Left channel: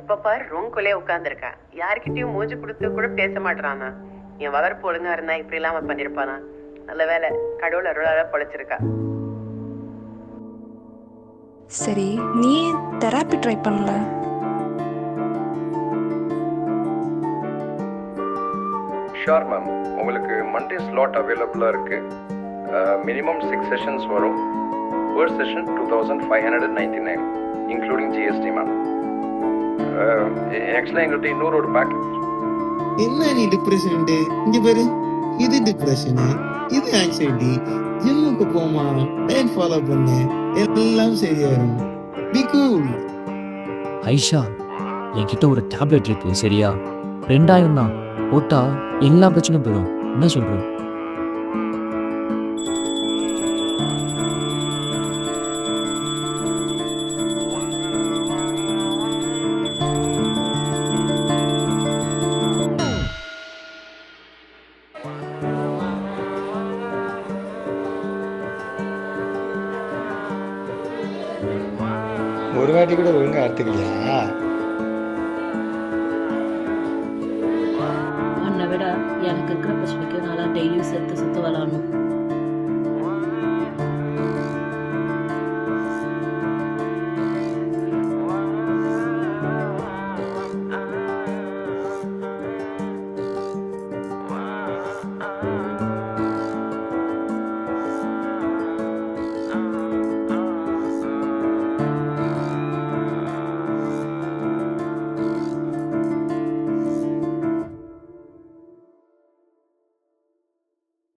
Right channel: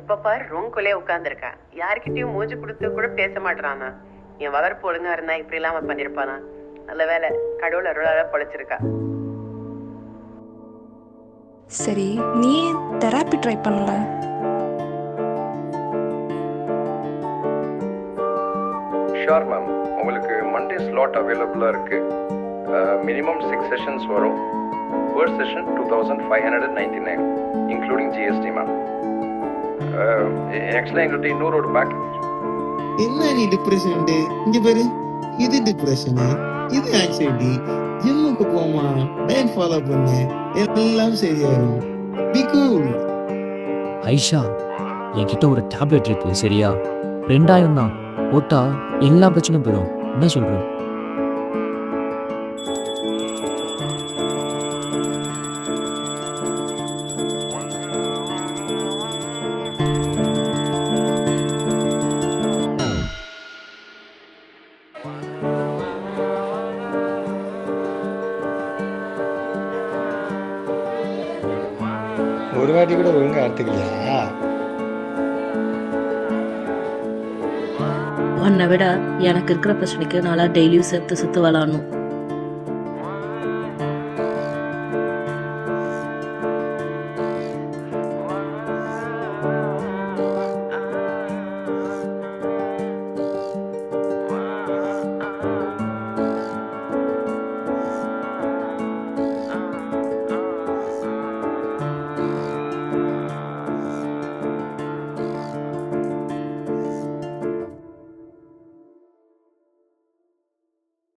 எப்ப பாரு ரூம்குள்ளே உட்கார்ந்துருக்கான். யார்கிட்டயும் மூஞ்சி கொடுத்து கூட பேச மாட்டானா. என் வளர்ப்பு ஒழுங்கா இருந்தா இப்படி இல்லாம பண்ணிருப்பானா. நல்ல வேலை, கடவுள் அருளால பொழைச்சிருக்கா. சரி, நீ ஏன் தெராப்பி ட்ரை பண்ணல? ஷோர் மேம், உங்களுக்கு மண்டே ஸ்லாட் அவைலபிளாக இருக்குது. மினிமம் 6 செஷன்ஸ் வரும். per session 2599 including GST ma'am. ஆக்சுவலாக எங்கள்கிட்ட இன்னொரு ஒரு பேக்கேஜ். என்ன நீ டிப்ரெஷன் இங்க பாரு, இது டிப்ரெஷனு, இது ஆங்ஸைட்டி. ஜிம்முக்கு போமா, டயட் ஃபாலோ பண்ணு, எல்லாம் சரியாயிரும். Be cool. ஐஷா, என்கிட்ட ஒரு டேப்லெட் இருக்கு, சரியா? 2000 தான், போட்டா எல்லா பிரச்சனையும் போயிடும். என்ன சொல்றேன்? ஒரு வாட்டி கூட ஒழுங்கா அறுத்துக்கலையா? உன்னை விட எனக்கு இருக்கிற பிரச்சனைக்கு நல்லா டெய்லியும் செத்து செத்து விளாடணும்.